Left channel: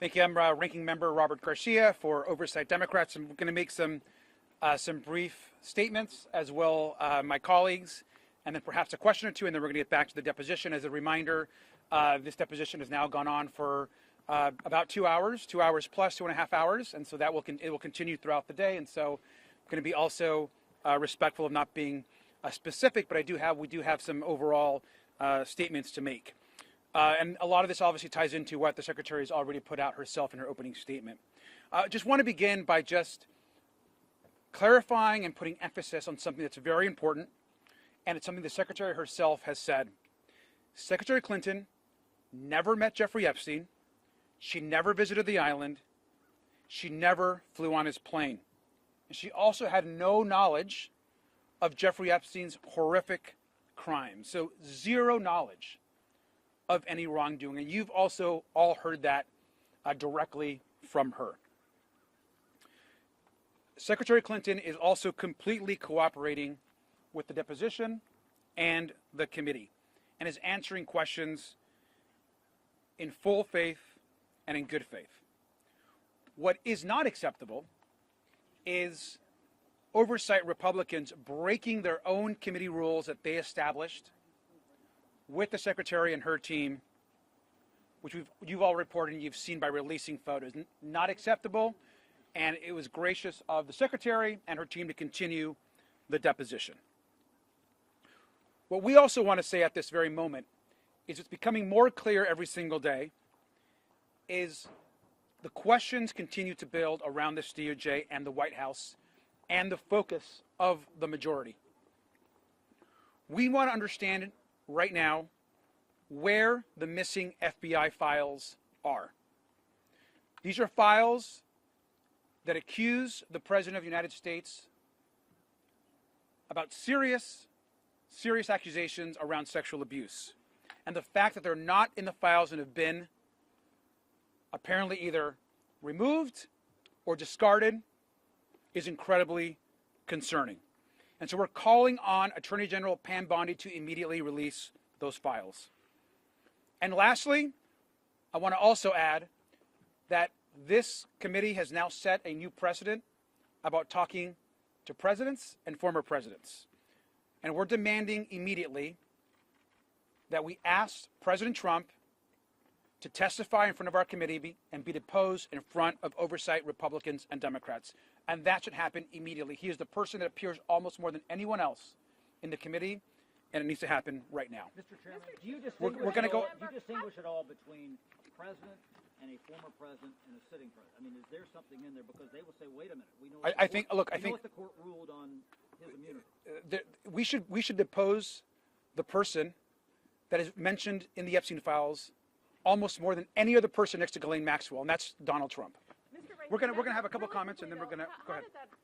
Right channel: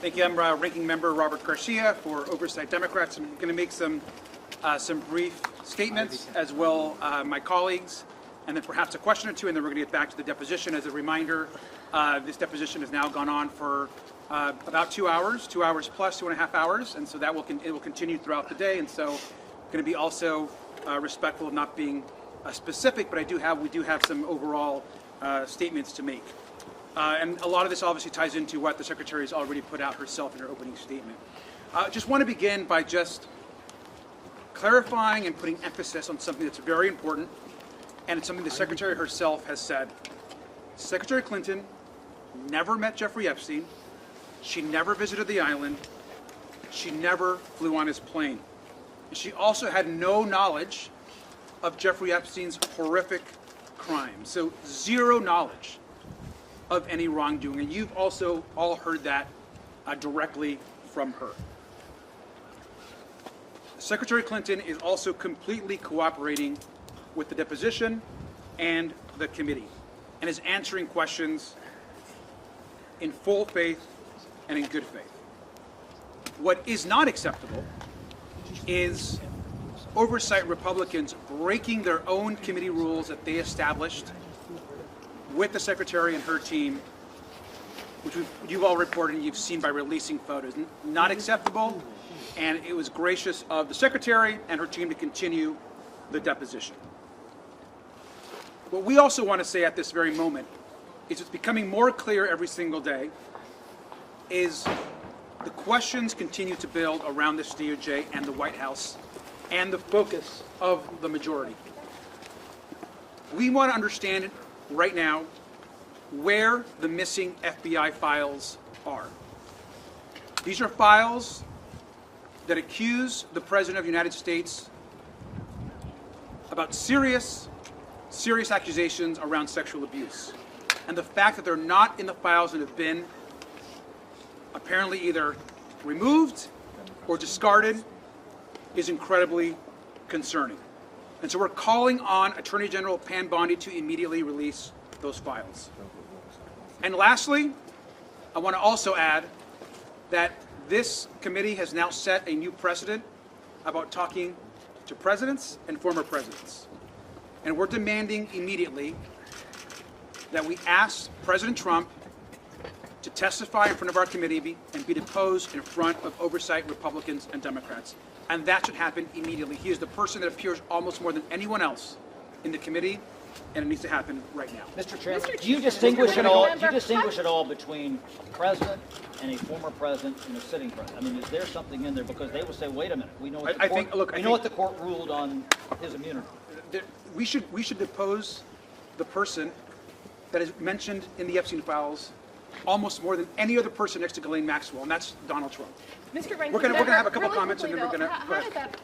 Thank you. I'm Ranking Member Robert Garcia for Oversight Democrats. I'm going to make some brief statements, as will my colleagues, and then perhaps a question or two, and then we're going to get back to the deposition. As a reminder, this deposition has now gone on for about 2 hours, 2 hours plus 2.5 hours, and so that it will continue throughout the day. And so, going to be also respectful of not being specific, but we do have some overall statements to make. And a lot of this obviously ties into what the Secretary has already put out herself in her opening statement. I just want to begin by just clarifying and putting emphasis on something that's very important, and it's something the Secretary herself has said. Secretary Clinton never met Jeffrey Epstein. She never visited the island. She never flew on his plane. She also had no knowledge of Jeffrey Epstein's horrific crime. So zero knowledge of any wrongdoing. And you've also all heard that directly from her. Secretary Clinton is also completely cooperating with the deposition and the committee, and is answering questions in full faith and in good faith. What is not acceptable is oversight Republicans breaking their own committee rules that they established with the Secretary and her team, which you've all reported and you've seen by releasing photos. Not acceptable, and it was gracious of the Secretary and her team to continue the deposition. What we also want to say at this very moment is it's becoming more clear every single day is the questions continue to build around this DOJ and the White House and the focus of the majority. We want to understand right now where the missing FBI files are. These are files that accuse the President of the United States about serious accusations around sexual abuse. And the fact that they're not in the files and have been apparently either removed or discarded is incredibly concerning. And so we're calling on Attorney General Pam Bondi to immediately release those files. And lastly, I want to also add that this committee has now set a new precedent about talking to presidents and former presidents. And we're demanding immediately that we ask President Trump to testify in front of our committee and be deposed in front of oversight Republicans and Democrats. And that should happen immediately. He is the person that appears almost more than anyone else in the committee, and it needs to happen right now. Mr. Chairman, do you distinguish at all between a president and a former president and a sitting president? I mean, is there something in there? Because they will say, wait a minute, we know what the court ruled on his immunity. We should depose the person that is mentioned in the Epstein files almost more than any other person next to Ghislaine Maxwell, and that's Donald Trump. Mr. We're going to have a couple comments, and then we're going to. How did that